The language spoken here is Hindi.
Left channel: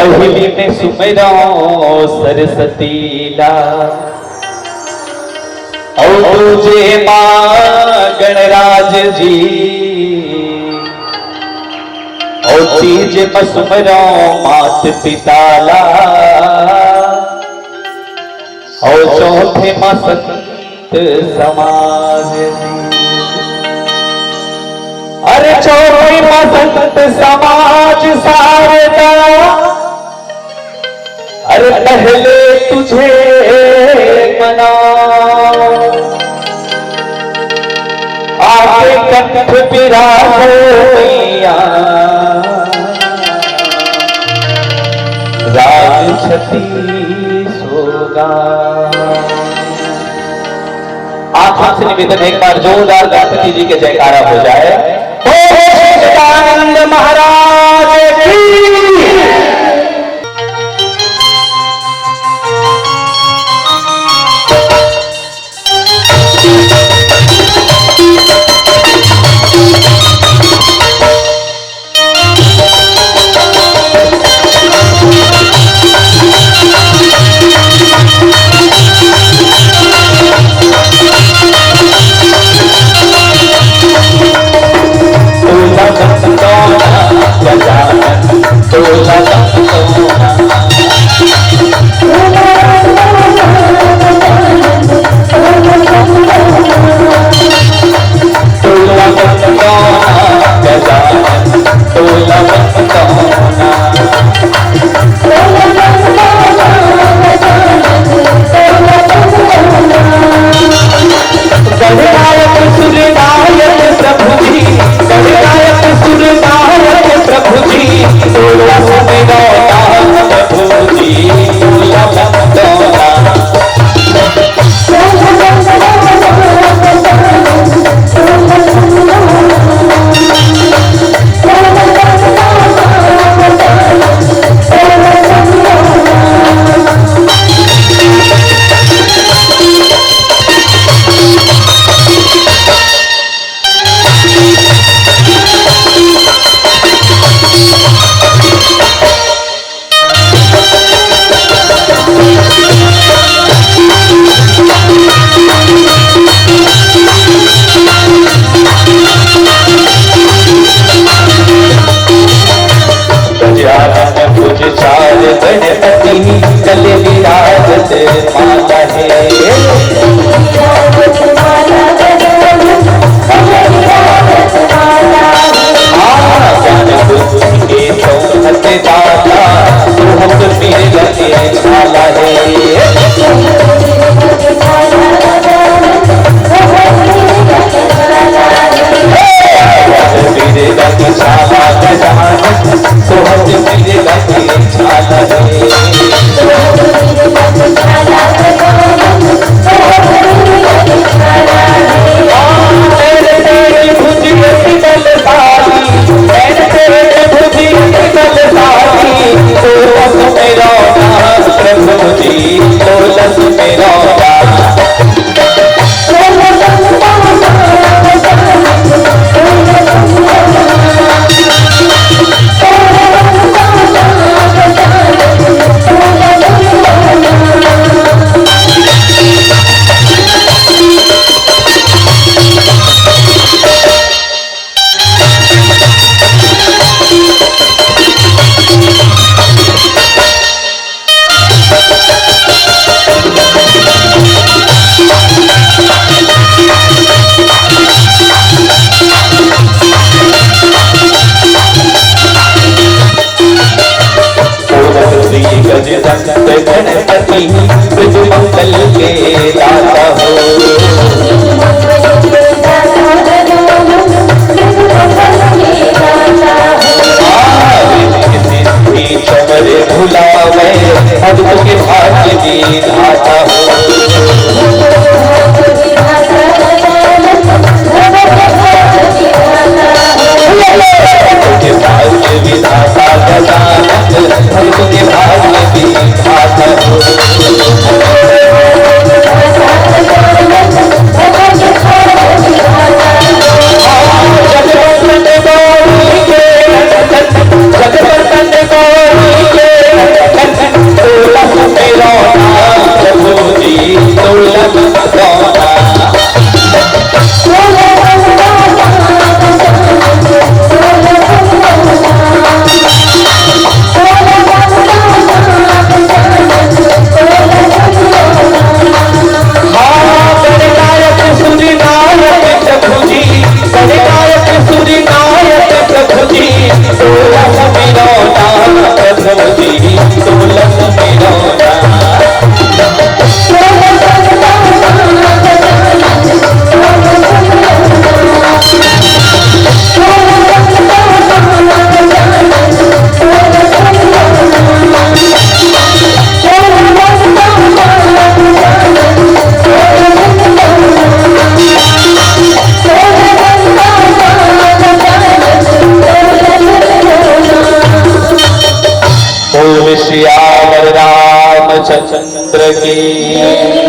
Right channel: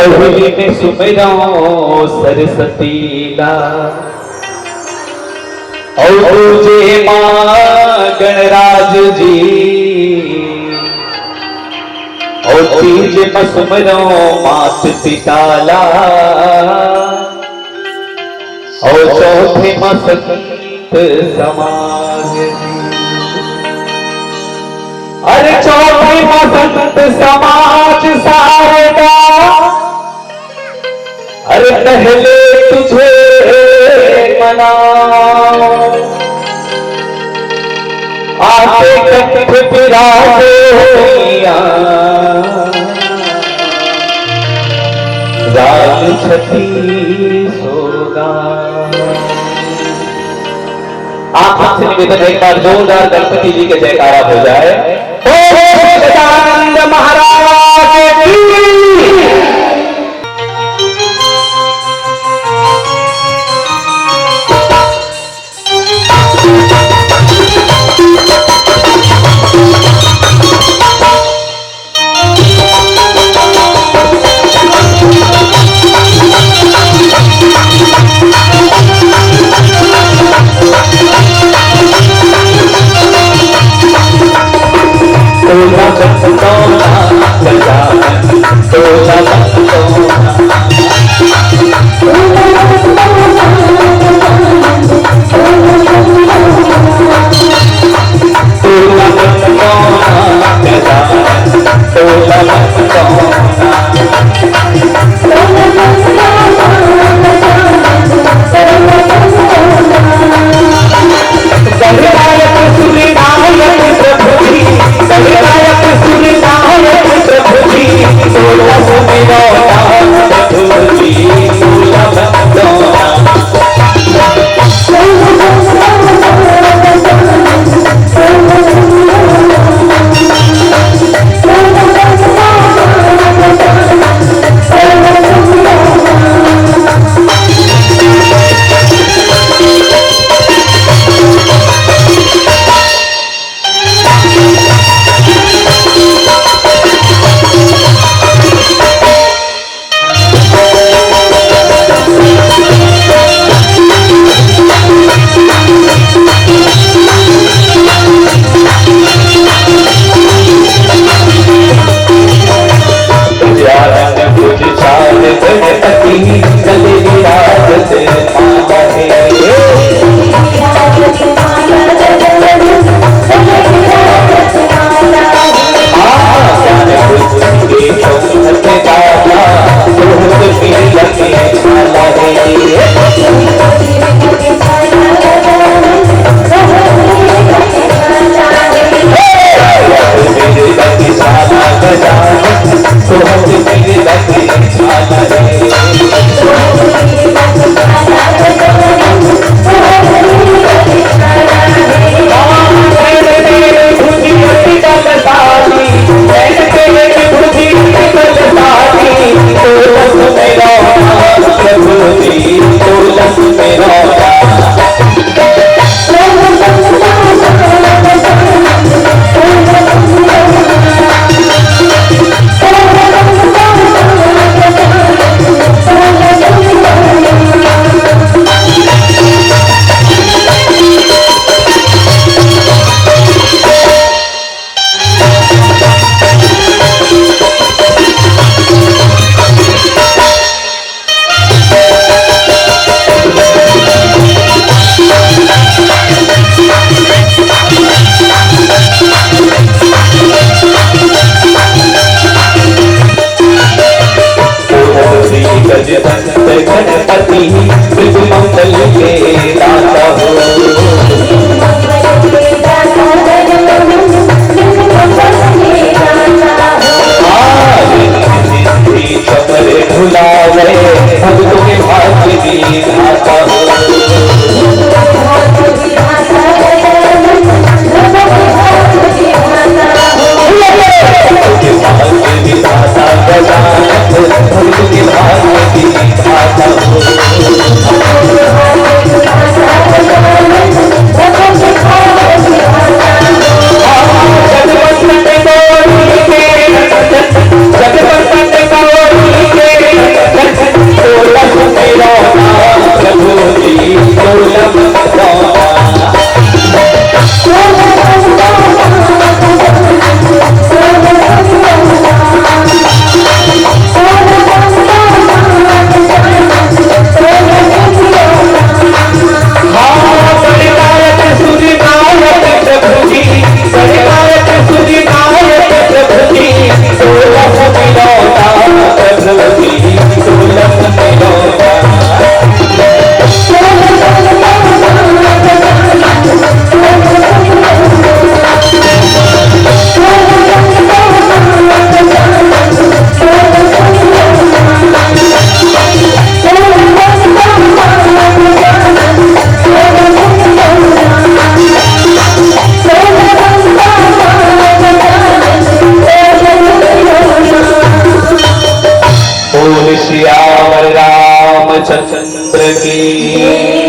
पहली में सुमेरा सरस्वती ला और तुझे मां गणराज जी और तीज में सुमेरा मात पिता ला और चौथे मां संत समाज। अरे चौथे मां संत समाज सारदा। अरे पहले तुझे मनाओ आके कंठ बिराजो राज छती सोगा। आप हमसे निवेदन एक बार जोरदार गणपति जी के जयकारा हो जाए। सदानंद महाराज की। गणपति मंगल के दाता चमरे भुलावे भक्तों के भाग्य की दाता भाग्य की दाता रामचंद्र की।